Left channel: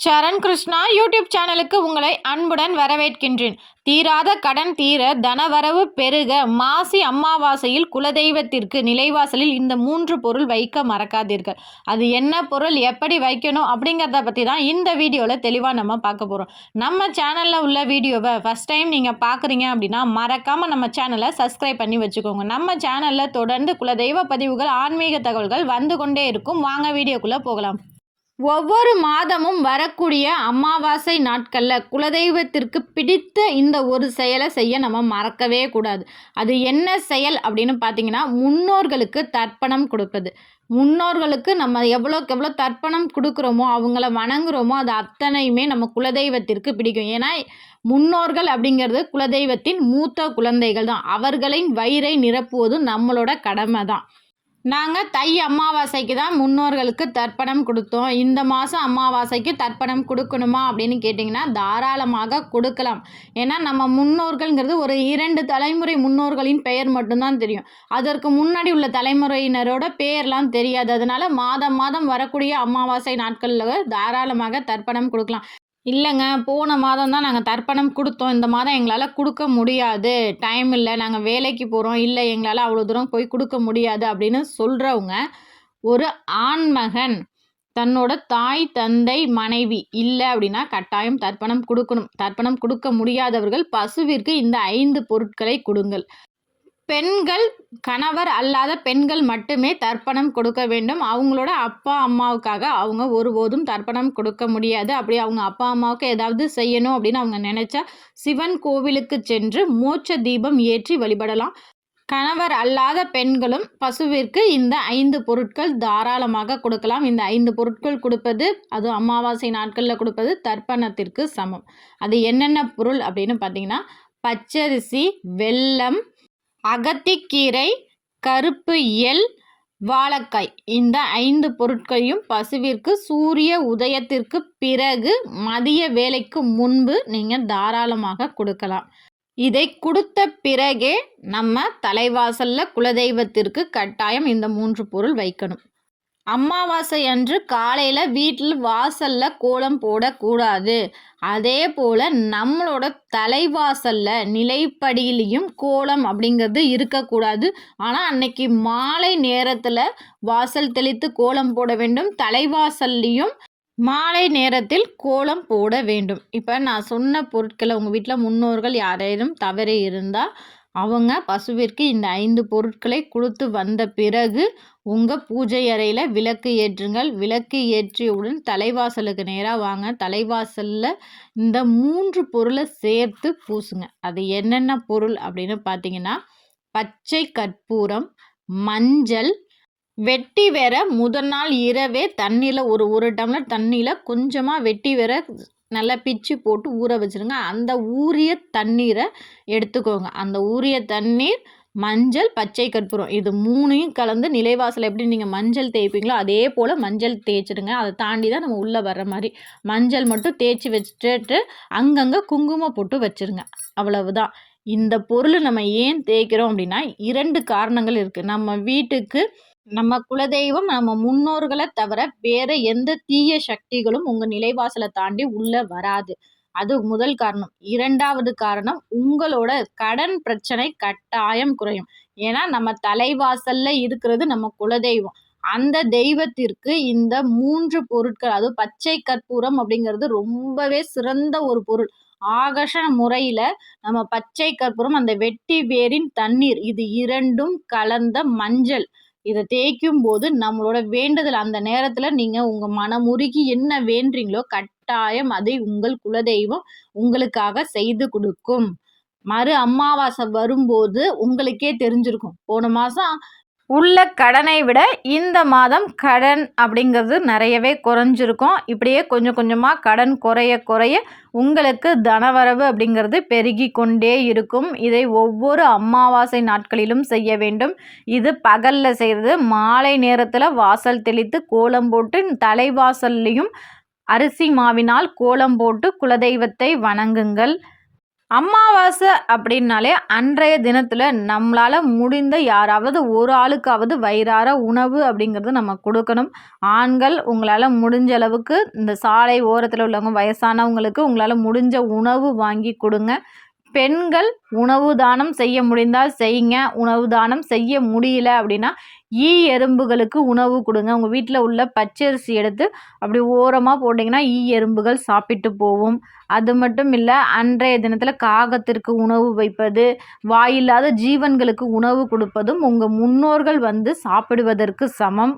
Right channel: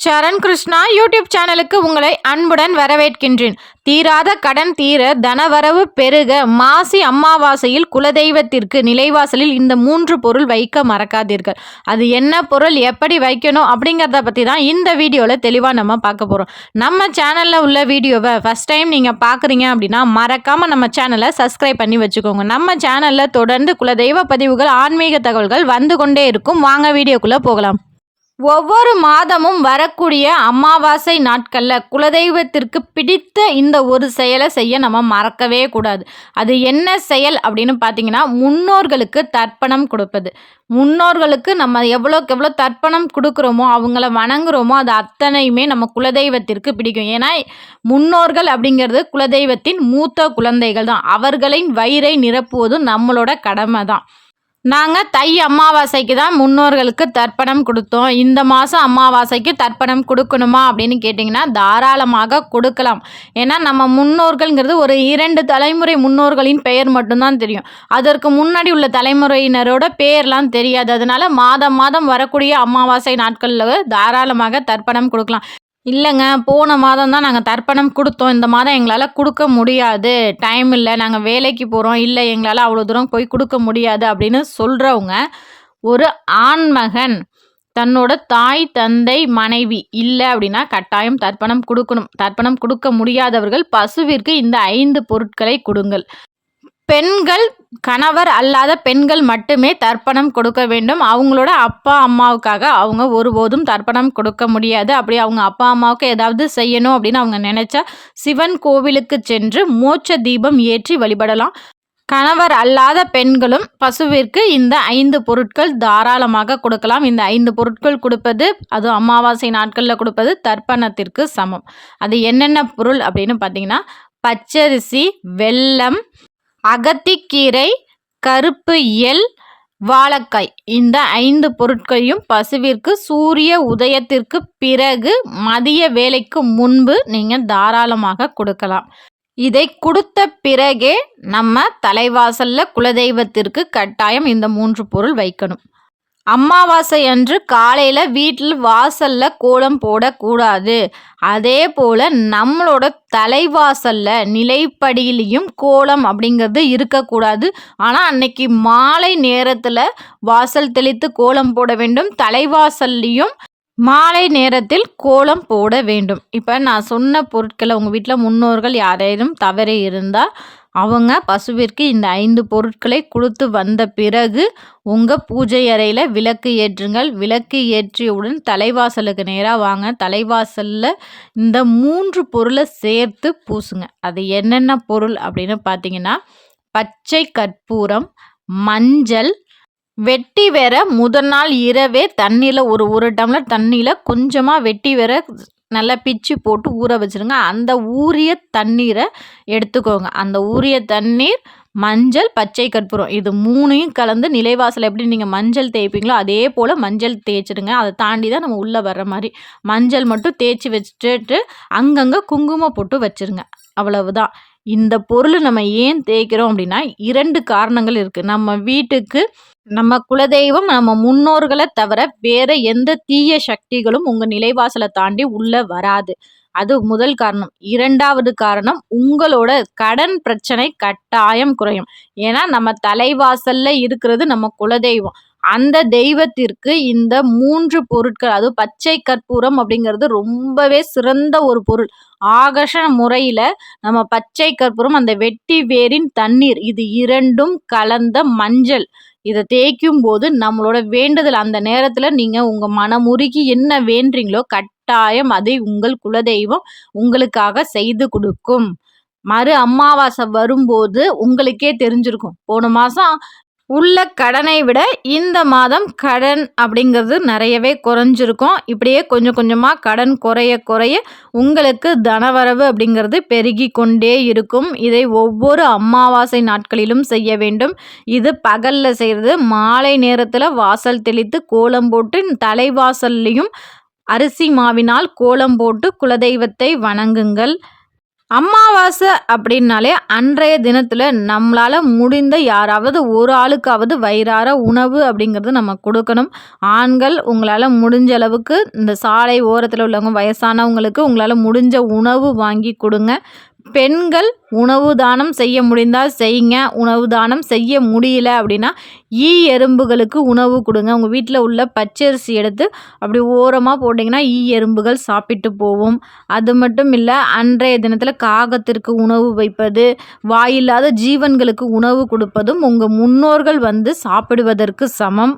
சரண் Krishna YouTube சேனலுக்கு உங்களை அன்புடன் வரவேற்கின்றேன். தீராத கடன் தீர, தனவரவு பெருக, மாசி அமாவாசையில் குலதெய்வத்திற்கு நிலைவாசலில் இந்த 3 பொருள் வைக்க மறக்காதீர்கள். அது என்ன பொருள், எப்படி வைக்கணும் அப்படிங்கிறத பற்றி தான் இந்த வீடியோவில் தெளிவாக நம்ம பார்க்க போகிறோம். நம்ம சேனலில் உள்ள வீடியோவை ஃபஸ்ட் டைம் நீங்கள் பார்க்குறீங்க அப்படின்னா மறக்காமல் நம்ம சேனலை சப்ஸ்கிரைப் பண்ணி வச்சுக்கோங்க. நம்ம சேனலில் தொடர்ந்து குலதெய்வ பதிவுகள், ஆன்மீக தகவல்கள் வந்து கொண்டே இருக்கும். வாங்க வீடியோக்குள்ளே போகலாம். ஒவ்வொரு மாதமும் வரக்கூடிய அமாவாசை நாட்களில் குலதெய்வத்திற்கு பிடித்த இந்த ஒரு செயலை செய்ய நம்ம மறக்கவே கூடாது. அது என்ன செயல் அப்படின்னு பார்த்தீங்கன்னா, முன்னோர்களுக்கு தர்ப்பணம் கொடுப்பது. முன்னோர்களுக்கு நம்ம எவ்வளோக்கு எவ்வளோ தர்ப்பணம் கொடுக்குறோமோ, அவங்கள வணங்குறோமோ, அது அத்தனையுமே நம்ம குலதெய்வத்திற்கு பிடிக்கும். ஏன்னா முன்னோர்கள் அப்படிங்கிறது குலதெய்வத்தின் மூத்த குழந்தைகள் தான். அவர்களின் வயிறை நிரப்புவதும் நம்மளோட கடமை தான். நாங்கள் தை அமாவாசைக்கு தான் முன்னோர்களுக்கு தர்ப்பணம் கொடுத்தோம். இந்த மாதம் அமாவாசைக்கு தர்ப்பணம் கொடுக்கணுமா அப்படின்னு கேட்டிங்கன்னா தாராளமாக கொடுக்கலாம். ஏன்னா நம்ம முன்னோர்கள்ங்கிறது ஒரு 2 தலைமுறை முன்னோர்களின் பெயர் மட்டும்தான் தெரியும். அதற்கு முன்னாடி உள்ள தலைமுறையினரோட பெயர்லாம் தெரியாது. அதனால் மாதம் மாதம் வரக்கூடிய அமாவாசை நாட்களில் தாராளமாக தர்ப்பணம் கொடுக்கலாம். இல்லைங்க, போன மாதம் தான் நாங்கள் தர்ப்பணம் கொடுத்தோம். இந்த மாதம் எங்களால் கொடுக்க முடியாது, டைம் இல்லை, நாங்கள் வேலைக்கு போகிறோம், இல்லை எங்களால் அவ்வளோ தூரம் போய் கொடுக்க முடியாது அப்படின்னு சொல்கிறவங்க, ஒரு ஆண்மகன் தன்னோட தாய், தந்தை, மனைவி இல்லை அப்படின்னா கட்டாயம் தர்ப்பணம் கொடுக்கணும். தர்ப்பணம் கொடுக்க முடியாதவர்கள் பசுவிற்கு இந்த 5 பொருட்களை கொடுங்கள். பெண்கள், கணவர் அல்லாத பெண்கள் மட்டுமே தர்ப்பணம் கொடுக்க வேண்டும். அவங்களோட அப்பா அம்மாவுக்காக அவங்க ஒருபோதும் தர்ப்பணம் கொடுக்க முடியாது. அப்படி அவங்க அப்பா அம்மாவுக்கு ஏதாவது செய்யணும் அப்படின்னு அவங்க நினச்சா சிவன் கோவிலுக்கு சென்று மோட்ச தீபம் ஏற்றி வழிபடலாம். கணவர் அல்லாத பெண்களும் பசுவிற்கு இந்த 5 பொருட்கள் தாராளமாக கொடுக்கலாம். இந்த 5 பொருட்கள் கொடுப்பது, அதுவும் அமாவாசை நாட்களில் கொடுப்பது தர்ப்பணத்திற்கு சமம். அது என்னென்ன பொருள் அப்படின்னு பார்த்தீங்கன்னா, பச்சரிசி, வெல்லம், அகத்திக்கீரை, கருப்பு எள், வாழைக்காய். இந்த 5 பொருட்களையும் பசுவிற்கு சூரிய உதயத்திற்கு பிறகு மதிய வேளைக்கு முன்பு நீங்கள் தாராளமாக கொடுக்கலாம். இதை கொடுத்த பிறகே நம்ம தலைவாசலில் குலதெய்வத்திற்கு கட்டாயம் இந்த 3 பொருள் வைக்கணும். அமாவாசை அன்று காலையில் வீட்டில் வாசலில் கோலம் போடக்கூடாது. அதே போல் நம்மளோட தலைவாசலில் நிலைப்படியிலையும் கோலம் அப்படிங்கிறது இருக்கக்கூடாது. ஆனால் அன்னைக்கு மாலை நேரத்தில் வாசல் தெளித்து கோலம் போட வேண்டும். தலைவாசல்லையும் மாலை நேரத்தில் கோலம் போட வேண்டும். இப்போ நான் சொன்ன பொருட்களை உங்கள் வீட்டில் முன்னோர்கள் யாரேனும் தவறி இருந்தால் அவங்க பசுவிற்கு இந்த 5 பொருட்களை கொடுத்து வந்த பிறகு உங்கள் பூஜை அறையில் விளக்கு ஏற்றுங்கள். விளக்கு ஏற்றியவுடன் தலைவாசலுக்கு நேராக வாங்க. தலைவாசலில் இந்த 3 பொருளை சேர்த்து பூசுங்க. அது என்னென்ன பொருள் அப்படின்னு பார்த்தீங்கன்னா, பச்சை கற்பூரம், மஞ்சள், வெட்டி வேற முதல் நாள் இரவே தண்ணியில் ஒரு டம்ளர் தண்ணியில் கொஞ்சமாக வெட்டி வேற நல்லா பிச்சு போட்டு ஊற வச்சுருங்க. அந்த ஊறிய தண்ணீரை எடுத்துக்கோங்க. அந்த ஊறிய தண்ணீர், மஞ்சள், பச்சை கற்பூரம், இது 3யும் கலந்து நிலைவாசல் எப்படி நீங்கள் மஞ்சள் தேய்ப்பீங்களோ அதே போல் மஞ்சள் தேய்ச்சிடுங்க. அதை தாண்டி தான் நம்ம உள்ளே வர்ற மாதிரி மஞ்சள் மட்டும் தேய்ச்சி வச்சுட்டு அங்கங்கே குங்குமம் போட்டு வச்சுருங்க. அவ்வளவுதான். இந்த பொருள் நம்ம ஏன் தேய்க்கிறோம் அப்படின்னா 2 காரணங்கள் இருக்குது. நம்ம வீட்டுக்கு நம்ம குலதெய்வம், நம்ம முன்னோர்களை தவிர வேற எந்த தீய சக்திகளும் உங்கள் நிலைவாசலை தாண்டி உள்ளே வராது. அது முதல் காரணம். 2வது காரணம், உங்களோட கடன் பிரச்சனை கட்டாயம் குறையும். ஏன்னா நம்ம தலைவாசல்ல இருக்கிறது நம்ம குலதெய்வம். அந்த தெய்வத்திற்கு இந்த 3 பொருட்கள், அதுவும் பச்சை கற்பூரம் அப்படிங்கிறது ரொம்பவே சிறந்த ஒரு பொருள். ஆகர்ஷண முறையில் நம்ம பச்சை கற்பூரம், அந்த வெட்டி வேரின் தண்ணீர், இது 2ம் கலந்த மஞ்சள், இதை தேய்க்கும் போது நம்மளோட வேண்டுதல் அந்த நேரத்தில் நீங்கள் உங்கள் மனமுருகி என்ன வேண்டுறீங்களோ கட்டாயம் அதை உங்கள் குலதெய்வம் உங்களுக்காக செய்து கொடுக்கும். மறு அமாவாசை வரும்போது உங்களுக்கே தெரிஞ்சிருக்கும், போன மாதம் உள்ள கடனை விட இந்த மாதம் கடன் அப்படிங்கிறது நிறையவே குறைஞ்சிருக்கும். இப்படியே கொஞ்சம் கொஞ்சமாக கடன் குறைய குறைய உங்களுக்கு தனவரவு அப்படிங்கிறது பெருகி கொண்டே இருக்கும். இதை ஒவ்வொரு அமாவாசை நாட்களிலும் செய்ய வேண்டும். இது பகலில் செய்கிறது. மாலை நேரத்தில் வாசல் தெளித்து கோலம் போட்டு தலைவாசல்லையும் அரிசி மாவினால் கோலம் போட்டு குலதெய்வத்தை வணங்குங்கள். அமாவாசை அப்படின்னாலே அன்றைய தினத்தில் நம்மளால் முடிந்த யாராவது ஒரு ஆளுக்காவது வயிறார உணவு அப்படிங்கிறது நம்ம கொடுக்கணும். ஆண்கள் உங்களால் முடிஞ்ச அளவுக்கு இந்த சாலை ஓரத்தில் உள்ளவங்க வயசானவங்களுக்கு உங்களால் முடிஞ்ச உணவு வாங்கி கொடுங்க. பெண்கள் உணவு தானம் செய்ய முடிந்தால் செய்யுங்க. உணவு தானம் செய்ய முடியல அப்படின்னா எறும்புகளுக்கு உணவு கொடுங்க. உங்கள் வீட்டில் உள்ள பச்சரிசி எடுத்து அப்படி ஓரமாக போட்டிங்கன்னா எறும்புகள் சாப்பிட்டு போகும். அது மட்டும் இல்லை, அன்றைய தினத்தில் காகத்திற்கு உணவு வைப்பது, வாயில்லாத ஜீவன்களுக்கு உணவு கொடுப்பதும் உங்கள் முன்னோர்கள் சாப்பிடுவதற்கு சமம்.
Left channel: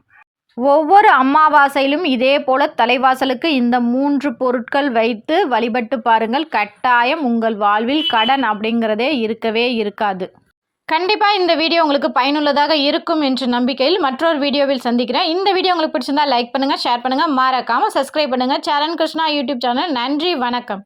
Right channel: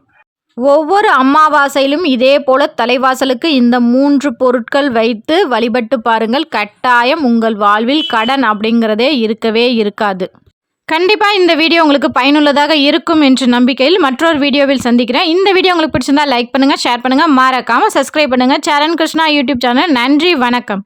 ஒவ்வொரு அமாவாசையிலும் இதே போல தலைவாசலுக்கு இந்த 3 பொருட்கள் வைத்து வழிபட்டு பாருங்கள். கட்டாயம் உங்கள் வாழ்வில் கடன் அப்படிங்கிறதே இருக்கவே இருக்காது. கண்டிப்பாக இந்த வீடியோ உங்களுக்கு பயனுள்ளதாக இருக்கும் என்ற நம்பிக்கையில் மற்றொரு வீடியோவில் சந்திக்கிறேன். இந்த வீடியோ உங்களுக்கு பிடிச்சிருந்தா லைக் பண்ணுங்கள், ஷேர் பண்ணுங்கள், மறக்காமல் சப்ஸ்கிரைப் பண்ணுங்கள். சரண் கிருஷ்ணா யூடியூப் சேனல். நன்றி, வணக்கம்.